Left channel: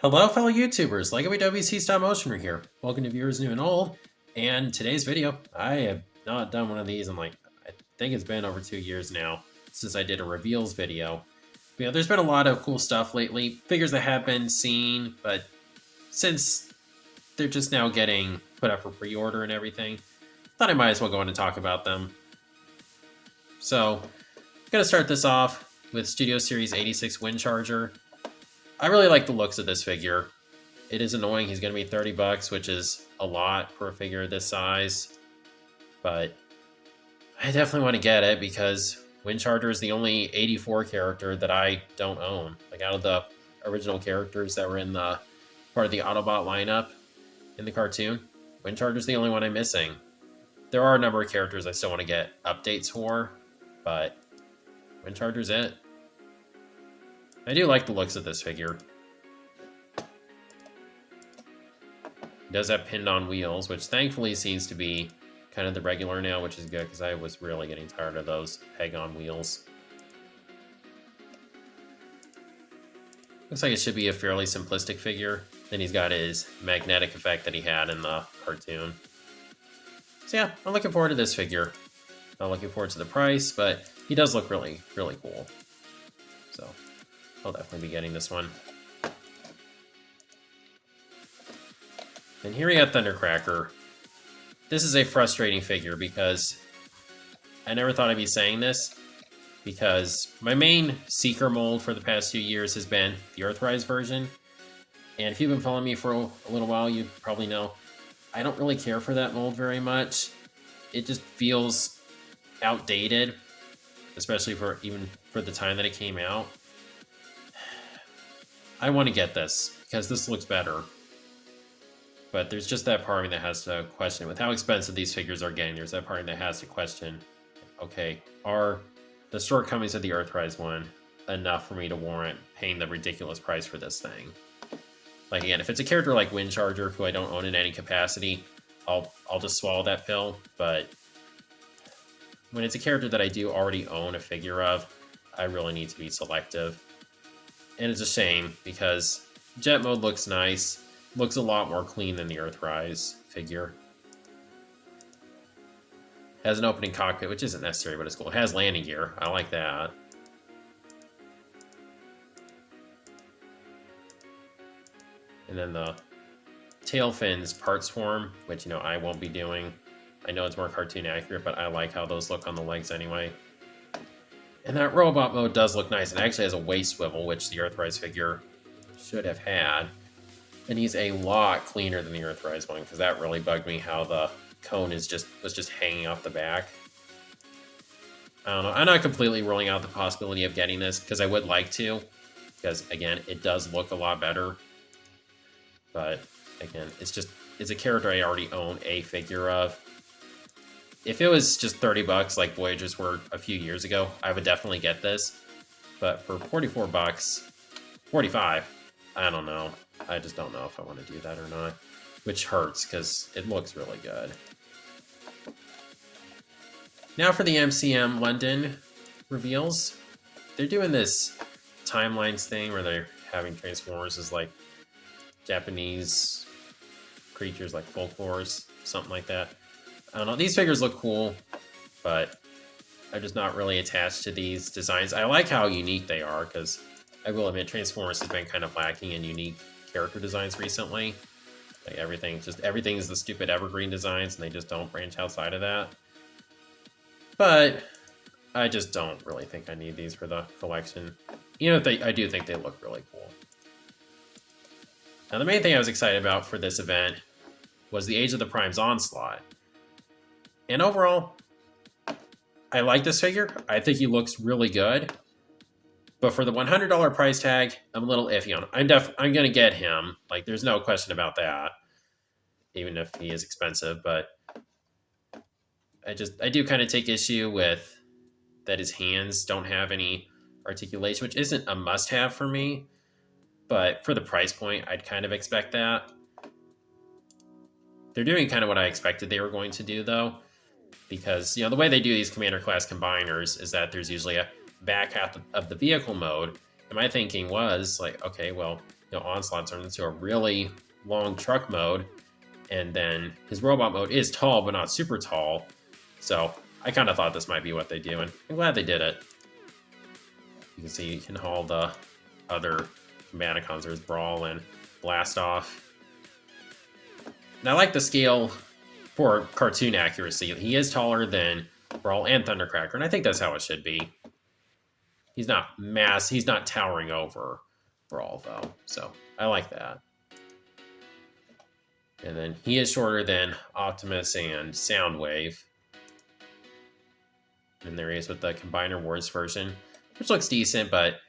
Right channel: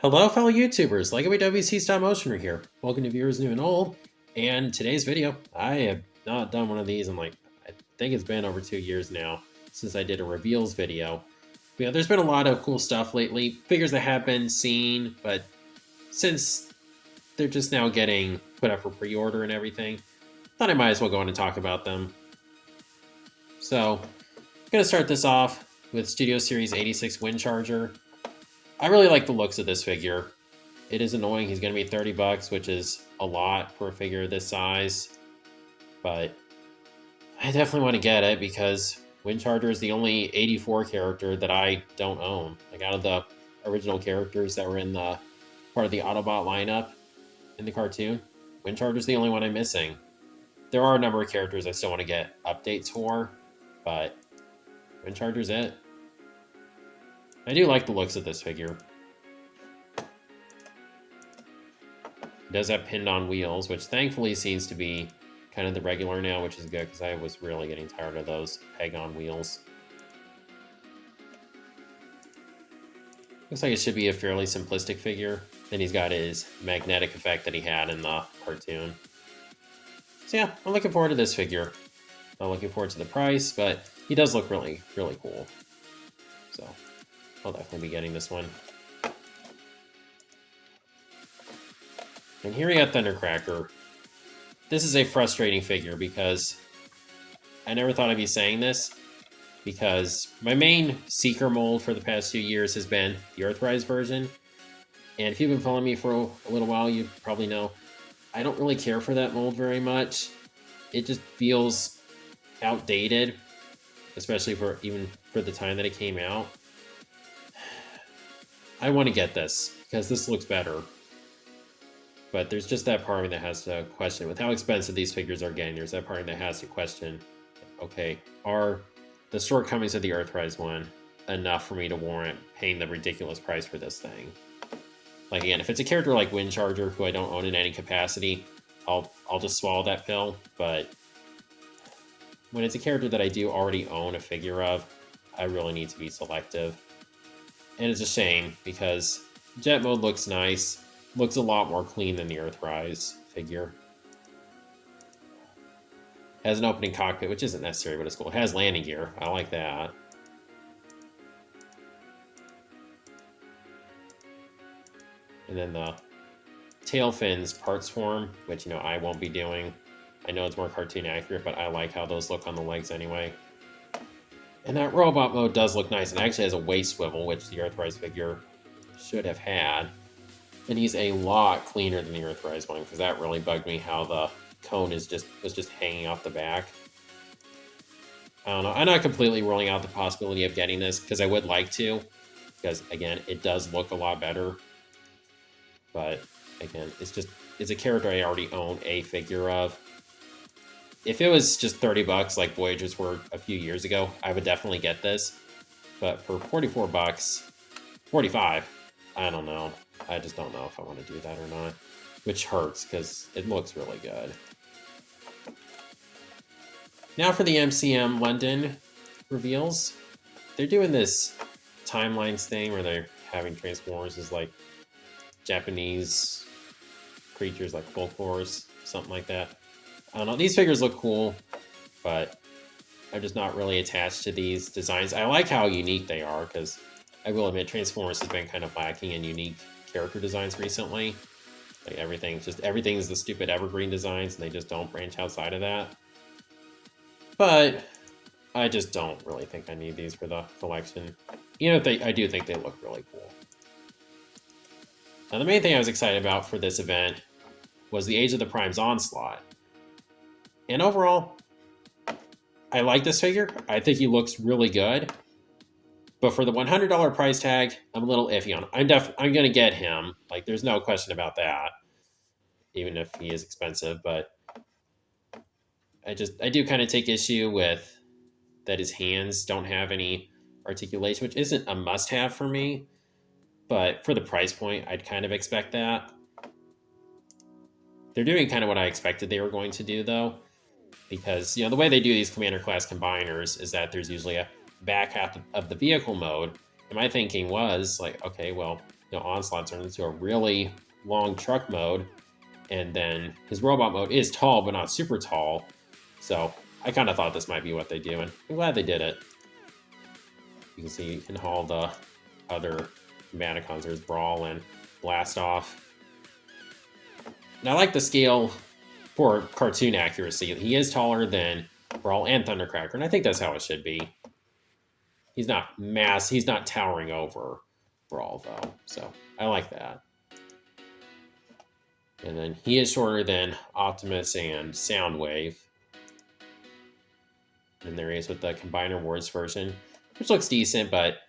Hello, fellow YouTubers. Lego WC Stop Motioner here. Welcome to viewers new and old. And today's video, I have not done one of these in I think it's been over 2 years now since I did a reveals video. But, there's been a lot of cool stuff lately. Figures that have been seen, but since they're just now getting put up for pre-order and everything, thought I might as well go on and talk about them. So, I'm going to start this off with Studio Series 86 Wind Charger. I really like the looks of this figure. It is annoying. He's going to be 30 bucks, which is a lot for a figure this size. But I definitely want to get it because Wind Charger is the only 84 character that I don't own. Like out of the original characters that were in the part of the Autobot lineup in the cartoon, Wind Charger is the only one I'm missing. There are a number of characters I still want to get updates for, but Wind Charger's it. I do like the looks of this figure. He does have pinned on wheels, which thankfully seems to be kind of the regular now, which is good because I was really getting tired of those peg on wheels. Looks like it should be a fairly simplistic figure. Then he's got his magnetic effect that he had in the cartoon. So yeah, I'm looking forward to this figure. Not looking forward to the price, but he does look really, really cool. So I'll definitely be getting this one. And here we got Thundercracker. This is a frustrating figure because I never thought I'd be saying this, because my main Seeker mold for the past few years has been the Earthrise version. And if you've been following me for a little while, you probably know I don't really care for that mold very much. It just feels outdated, especially even for the time that it came out. I want to get this because this looks better. But there's just that part of me that has to question, with how expensive these figures are getting, there's that part of me that has to question, okay, are the shortcomings of the Earthrise one enough for me to warrant paying the ridiculous price for this thing? Like, again, if it's a character like Wind Charger, who I don't own in any capacity, I'll just swallow that pill. But when it's a character that I do already own a figure of, I really need to be selective. And it's a shame because Jet Mode looks nice. Looks a lot more clean than the Earthrise figure. Has an opening cockpit, which isn't necessary, but it's cool. It has landing gear. I like that. And then the tail fins parts form, which, I won't be doing. I know it's more cartoon accurate, but I like how those look on the legs anyway. And that robot mode does look nice. It actually has a waist swivel, which the Earthrise figure should have had. And he's a lot cleaner than the Earthrise one, because that really bugged me how the cone was just hanging off the back. I don't know. I'm not completely ruling out the possibility of getting this, because I would like to. Because, again, it does look a lot better. But, again, it's a character I already own a figure of. If it was just 30 bucks like Voyagers were a few years ago, I would definitely get this. But for 44 bucks, 45, I don't know. I just don't know if I want to do that or not. Which hurts, because it looks really good. Now for the MCM London reveals. They're doing this timelines thing where they're having Transformers as like Japanese creatures, like folklores, something like that. I don't know. These figures look cool, but I'm just not really attached to these designs. I like how unique they are, because I will admit Transformers has been kind of lacking in unique character designs recently. Like everything is the stupid evergreen designs, and they just don't branch outside of that. But I just don't really think I need these for the collection. I do think they look really cool. Now, the main thing I was excited about for this event was the Age of the Prime's Onslaught. And overall, I like this figure. I think he looks really good. But for the $100 price tag, I'm a little iffy on him. I'm going to get him. Like, there's no question about that. Even if he is expensive. But I do kind of take issue with that his hands don't have any articulation, which isn't a must-have for me. But for the price point, I'd kind of expect that. They're doing kind of what I expected they were going to do, though. Because, the way they do these Commander class combiners is that there's usually a back half of the vehicle mode. And my thinking was, like, okay, well, Onslaught turns into a really long truck mode, and then his robot mode is tall, but not super tall. So I kind of thought this might be what they do, and I'm glad they did it. You can see you can haul the other Combaticons. There's Brawl and Blast Off. And I like the scale for cartoon accuracy. He is taller than Brawl and Thundercracker, and I think that's how it should be. He's not he's not towering over Brawl, though, so I like that. And then he is shorter than Optimus and Soundwave. And there he is with the Combiner Wars version, which looks decent, but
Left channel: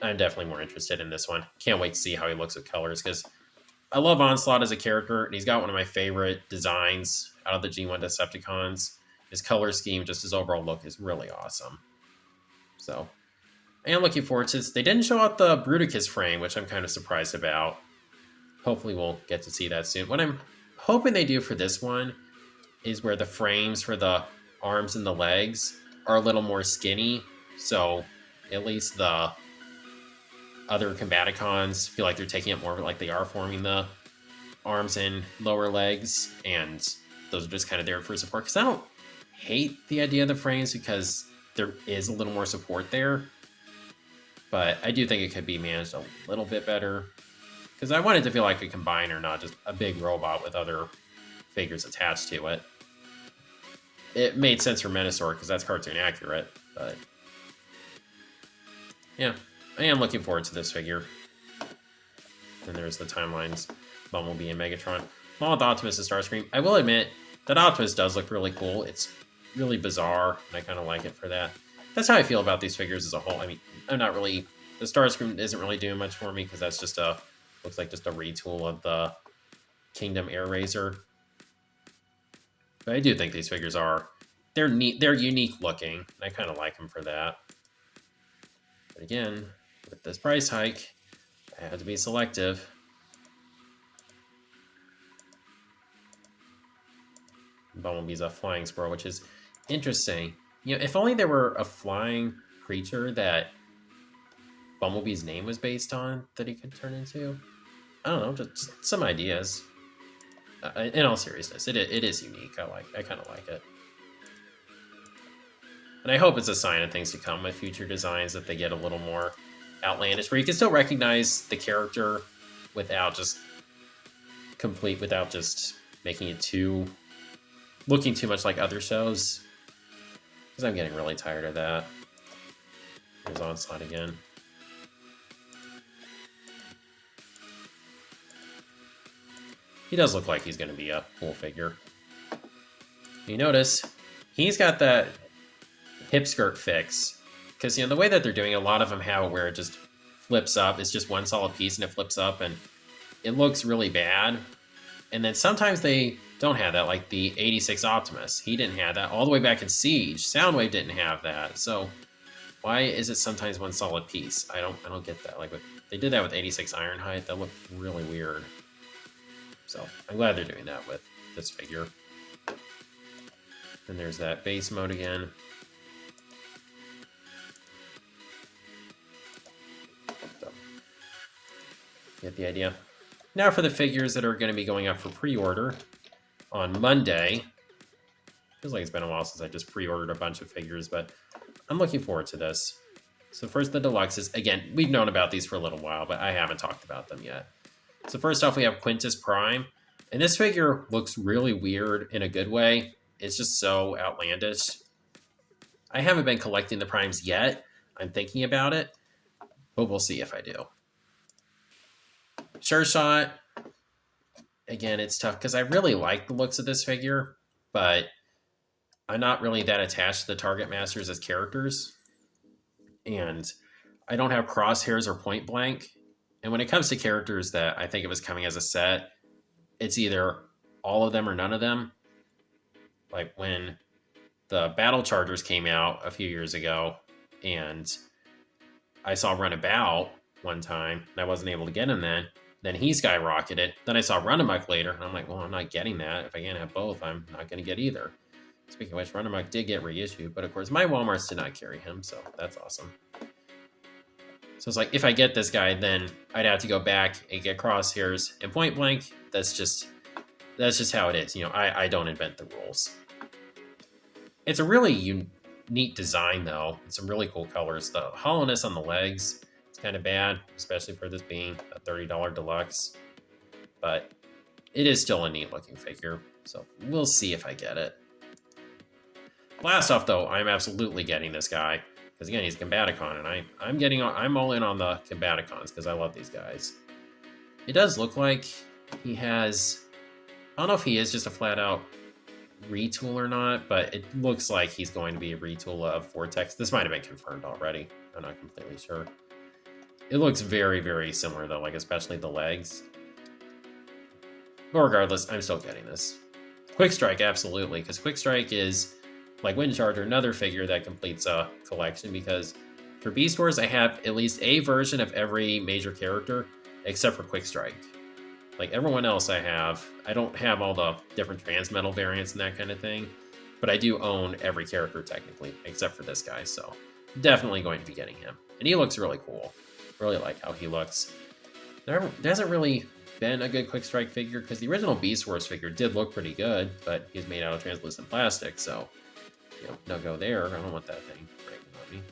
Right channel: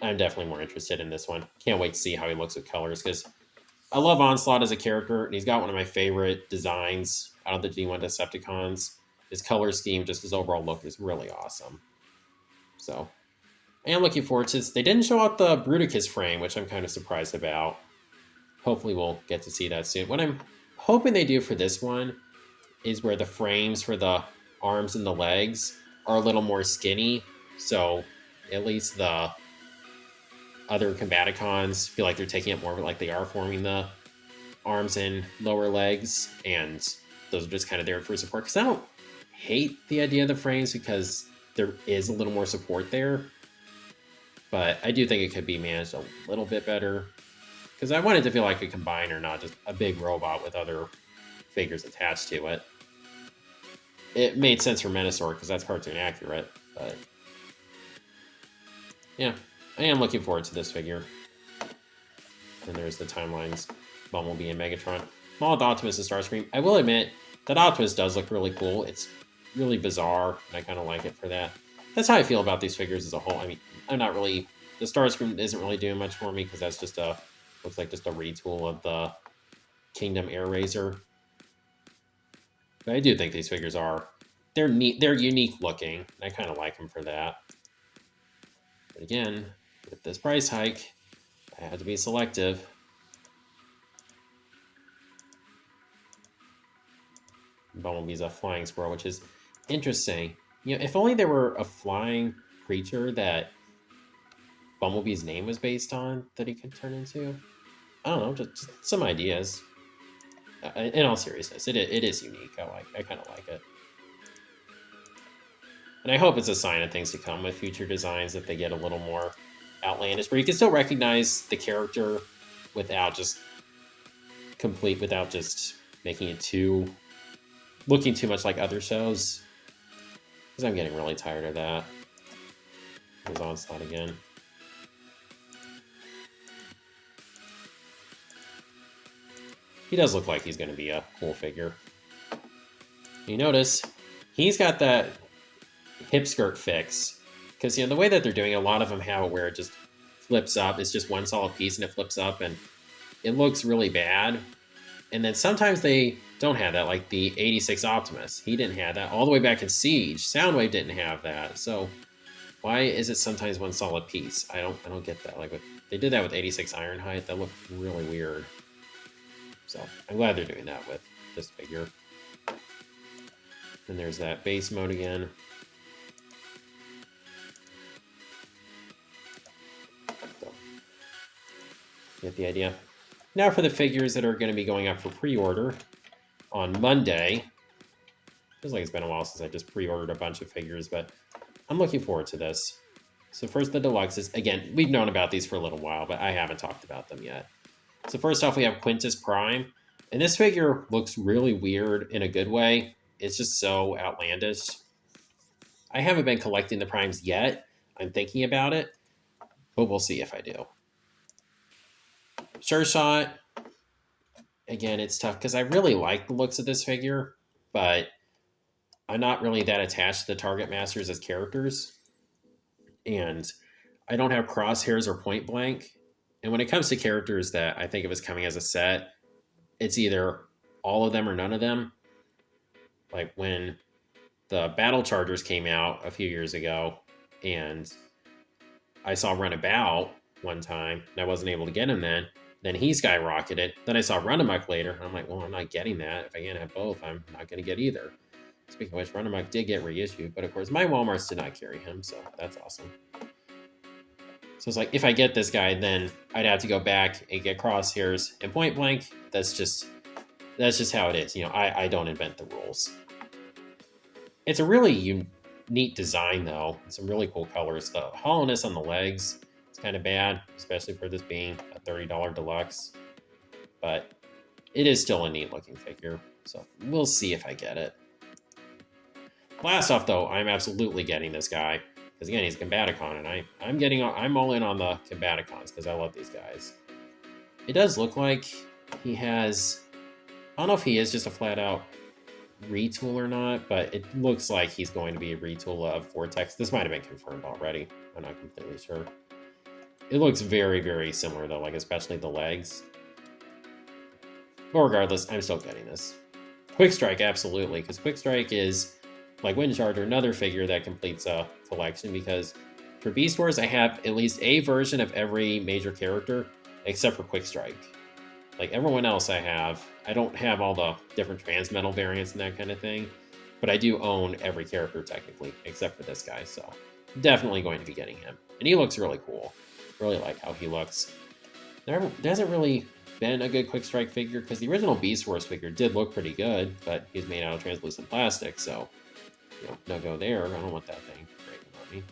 I'm definitely more interested in this one. Can't wait to see how he looks with colors, because I love Onslaught as a character, and he's got one of my favorite designs out of the G1 Decepticons. His color scheme, just his overall look, is really awesome. So I am looking forward to this. They didn't show out the Bruticus frame, which I'm kind of surprised about. Hopefully we'll get to see that soon. What I'm hoping they do for this one is where the frames for the arms and the legs are a little more skinny, so at least the other Combaticons feel like they're taking it more like they are forming the arms and lower legs, and those are just kind of there for support. Because I don't hate the idea of the frames, because there is a little more support there, but I do think it could be managed a little bit better, because I want it to feel like a combiner, not just a big robot with other figures attached to it. It made sense for Menasor because that's cartoon accurate, but yeah, I am looking forward to this figure. And there's the timelines, Bumblebee and Megatron. Along with Optimus and Starscream. I will admit that Optimus does look really cool. It's really bizarre, and I kind of like it for that. That's how I feel about these figures as a whole. I mean, I'm not really... The Starscream isn't really doing much for me, because that's just a... Looks like just a retool of the Kingdom Air Razor. But I do think these figures are... They're neat. They're unique looking. I kind of like them for that. But again, with this price hike, I had to be selective. Bumblebee's a flying squirrel, which is interesting. You know, if only there were a flying creature that Bumblebee's name was based on that he could turn into. I don't know, just some ideas. In all seriousness, it is unique. I kind of like it. And I hope it's a sign of things to come with future designs, that they get a little more outlandish, where you can still recognize the character without just making it looking too much like other shows. Because I'm getting really tired of that. There's Onslaught again. He does look like he's going to be a cool figure. You notice he's got that hip skirt fix, because the way that they're doing, a lot of them have it where it just flips up. It's just one solid piece and it flips up, and it looks really bad. And then sometimes they don't have that, like the 86 Optimus. He didn't have that all the way back in Siege. Soundwave didn't have that. So why is it sometimes one solid piece? I don't get that. Like they did that with 86 Ironhide. That looked really weird. So I'm glad they're doing that with this figure. And there's that base mode again. So, get the idea. Now for the figures that are going to be going up for pre-order on Monday. Feels like it's been a while since I just pre-ordered a bunch of figures, but I'm looking forward to this. So first, the deluxes. Again, we've known about these for a little while, but I haven't talked about them yet. So first off, we have Quintus Prime. And this figure looks really weird in a good way. It's just so outlandish. I haven't been collecting the Primes yet. I'm thinking about it, but we'll see if I do. Sure Shot. Again, it's tough because I really like the looks of this figure, but I'm not really that attached to the Target Masters as characters. And I don't have Crosshairs or Point Blank. And when it comes to characters that I think of as coming as a set, it's either all of them or none of them. Like when the Battle Chargers came out a few years ago, and I saw Runabout one time, and I wasn't able to get him then he skyrocketed. Then I saw Runamuck later, and I'm like, well, I'm not getting that. If I can't have both, I'm not going to get either. Speaking of which, Runamuck did get reissued, but of course my Walmarts did not carry him, so that's awesome. So it's like, if I get this guy, then I'd have to go back and get Crosshairs and Point Blank. That's just how it is. You know, I don't invent the rules. It's a really neat design, though. Some really cool colors. The hollowness on the legs is kind of bad, especially for this being a $30 deluxe. But it is still a neat looking figure. So we'll see if I get it. Last off, though, I'm absolutely getting this guy. Because again, he's a Combaticon, and I'm all in on the Combaticons because I love these guys. It does look like he has, I don't know if he is just a flat out retool or not, but it looks like he's going to be a retool of Vortex. This might have been confirmed already. I'm not completely sure. It looks very, very similar though, like especially the legs. But regardless, I'm still getting this. Quick Strike, absolutely, because Quick Strike is, like Wind Charger, another figure that completes a collection, because for Beast Wars, I have at least a version of every major character, except for Quick Strike. Like everyone else I don't have all the different Transmetal variants and that kind of thing, but I do own every character technically, except for this guy, so definitely going to be getting him. And he looks really cool. Really like how he looks. There hasn't really been a good Quick Strike figure, because the original Beast Wars figure did look pretty good, but he's made out of translucent plastic, so, you know, no go there. I don't want that thing breaking on me.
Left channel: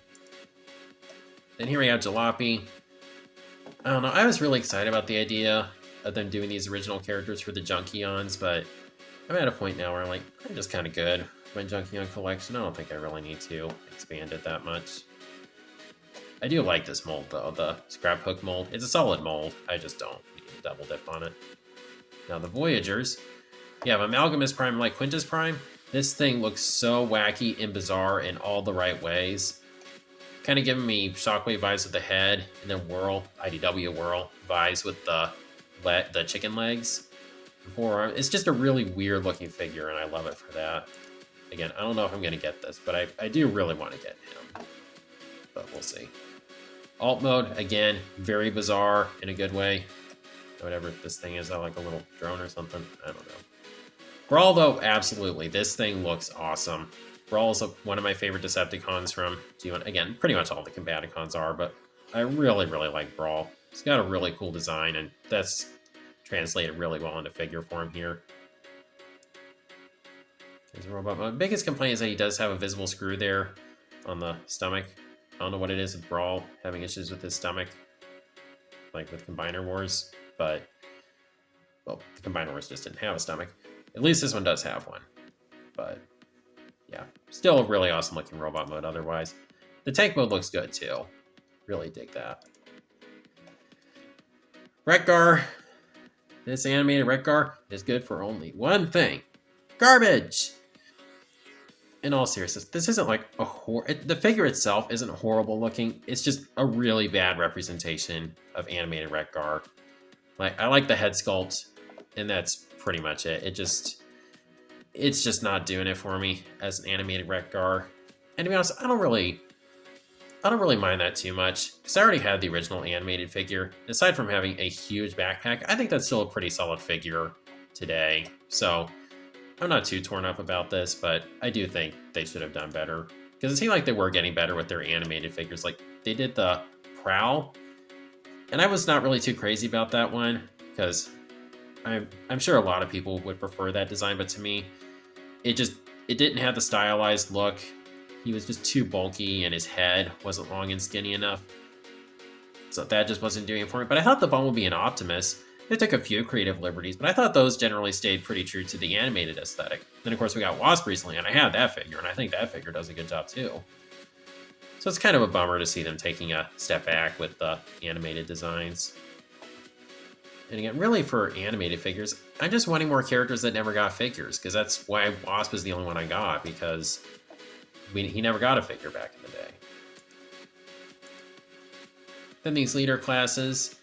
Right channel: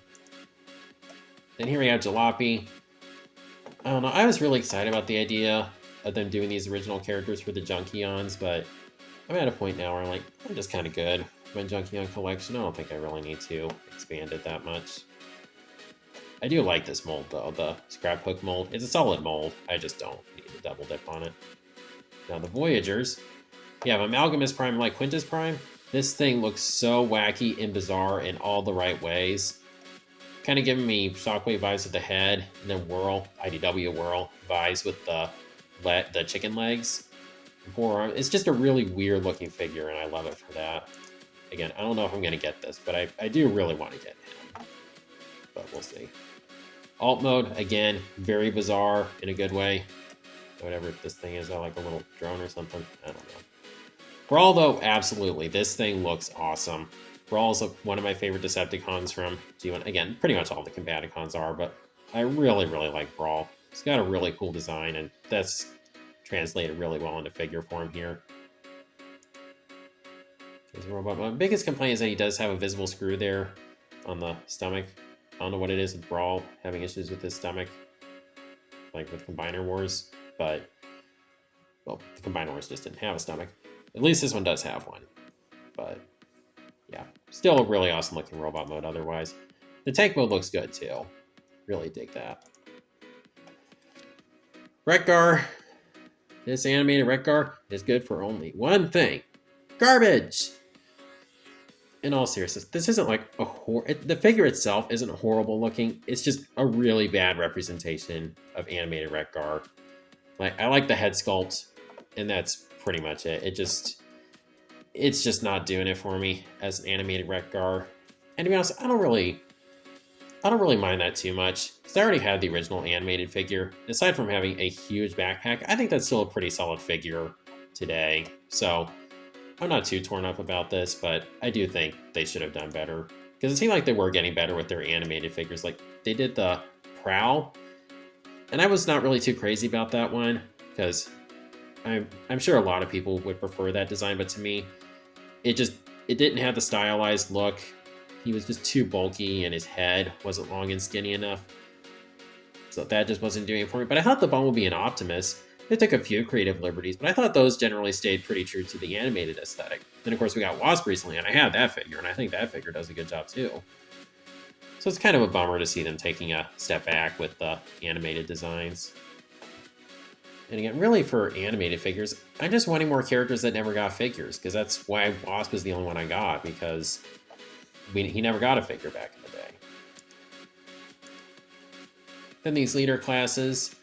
Then here we have Jalopy. I don't know, I was really excited about the idea of them doing these original characters for the Junkions, but I'm at a point now where I'm like, I'm just kind of good with my Junkion collection. I don't think I really need to expand it that much. I do like this mold though, the Scrap Hook mold. It's a solid mold, I just don't need to double dip on it. Now the Voyagers, you have Amalgamus Prime like Quintus Prime. This thing looks so wacky and bizarre in all the right ways. Kind of giving me Shockwave vibes with the head, and then Whirl, IDW Whirl vibes with the chicken legs and forearm. It's just a really weird looking figure, and I love it for that. Again, I don't know if I'm going to get this, but I do really want to get him. But we'll see. Alt mode, again, very bizarre in a good way. Whatever this thing is, like a little drone or something. I don't know. Brawl, though, absolutely. This thing looks awesome. Brawl's one of my favorite Decepticons from G1. Again, pretty much all the Combaticons are, but I really, really like Brawl. It's got a really cool design, and that's translated really well into figure form here. My biggest complaint is that he does have a visible screw there on the stomach. I don't know what it is with Brawl having issues with his stomach, like with Combiner Wars, but, well, the Combiner Wars just didn't have a stomach. At least this one does have one, but yeah, still a really awesome looking robot mode otherwise. The tank mode looks good too. Really dig that. Wreck-Gar. This animated Wreck-Gar is good for only one thing. Garbage! In all seriousness, this isn't like the figure itself isn't horrible looking. It's just a really bad representation of animated Wreck-Gar. Like, I like the head sculpt, and that's pretty much it. It's just not doing it for me as an animated Wreck-Gar. And to be honest, I don't really mind that too much, because I already had the original animated figure. Aside from having a huge backpack, I think that's still a pretty solid figure today. So I'm not too torn up about this, but I do think they should have done better, because it seemed like they were getting better with their animated figures. Like, they did the Prowl, and I was not really too crazy about that one, because I'm sure a lot of people would prefer that design, but to me, it didn't have the stylized look. He was just too bulky, and his head wasn't long and skinny enough. So that just wasn't doing it for me. But I thought the Bumblebee and Optimus, they took a few creative liberties, but I thought those generally stayed pretty true to the animated aesthetic. Then, of course, we got Wasp recently, and I had that figure, and I think that figure does a good job, too. So it's kind of a bummer to see them taking a step back with the animated designs. And again, really for animated figures, I'm just wanting more characters that never got figures, because that's why Wasp is the only one I got, because he never got a figure back in the day. Then these leader classes,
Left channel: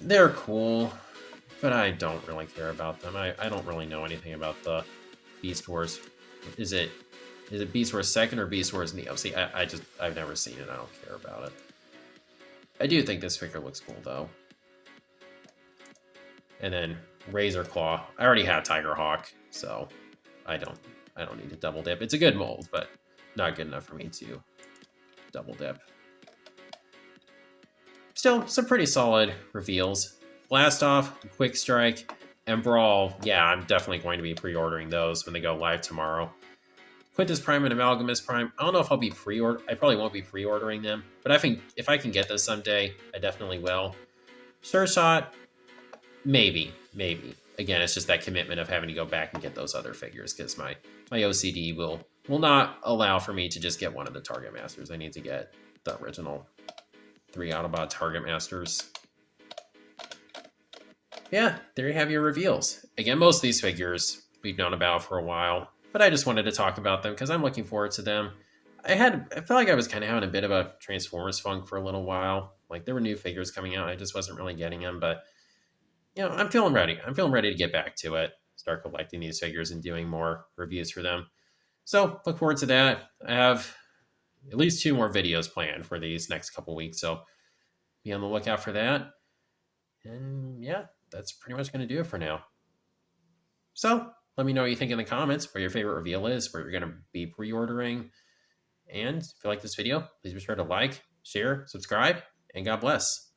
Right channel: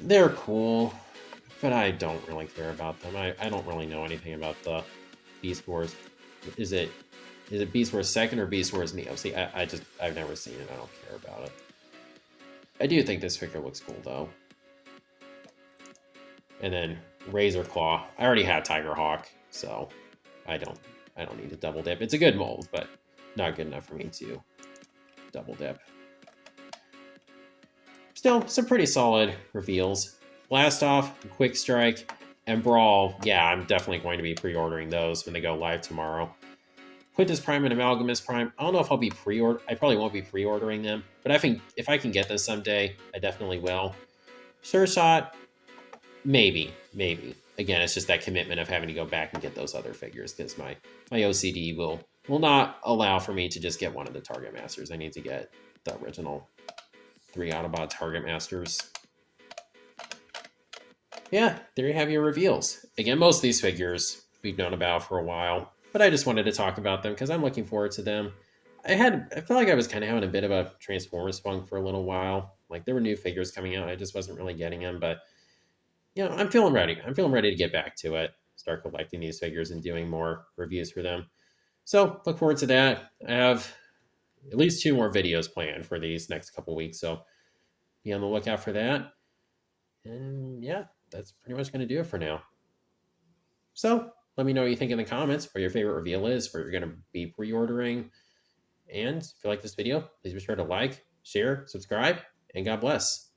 they're cool, but I don't really care about them. I don't really know anything about the Beast Wars. Is it Beast Wars 2nd or Beast Wars Neo? See, I've never seen it. I don't care about it. I do think this figure looks cool, though. And then Razor Claw. I already have Tiger Hawk, so I don't need to double dip. It's a good mold, but not good enough for me to double dip. Still, some pretty solid reveals. Blast Off, Quick Strike, and Brawl, yeah, I'm definitely going to be pre-ordering those when they go live tomorrow. Quintus Prime and Amalgamus Prime, I don't know if I'll be I probably won't be pre-ordering them, but I think if I can get this someday, I definitely will. Sure Shot, maybe. Again, it's just that commitment of having to go back and get those other figures because my OCD will not allow for me to just get one of the Target Masters. I need to get the original 3 Autobot Target Masters. Yeah, there you have your reveals. Again, most of these figures we've known about for a while, but I just wanted to talk about them because I'm looking forward to them. I feel like I was kind of having a bit of a Transformers funk for a little while. Like there were new figures coming out, I just wasn't really getting them, but I'm feeling ready. I'm feeling ready to get back to it, start collecting these figures and doing more reviews for them. So look forward to that. I have at least 2 more videos planned for these next couple weeks, so be on the lookout for that. And yeah, that's pretty much going to do it for now. So let me know what you think in the comments, what your favorite reveal is, what you're going to be pre-ordering. And if you like this video, please be sure to like, share, subscribe, and God bless.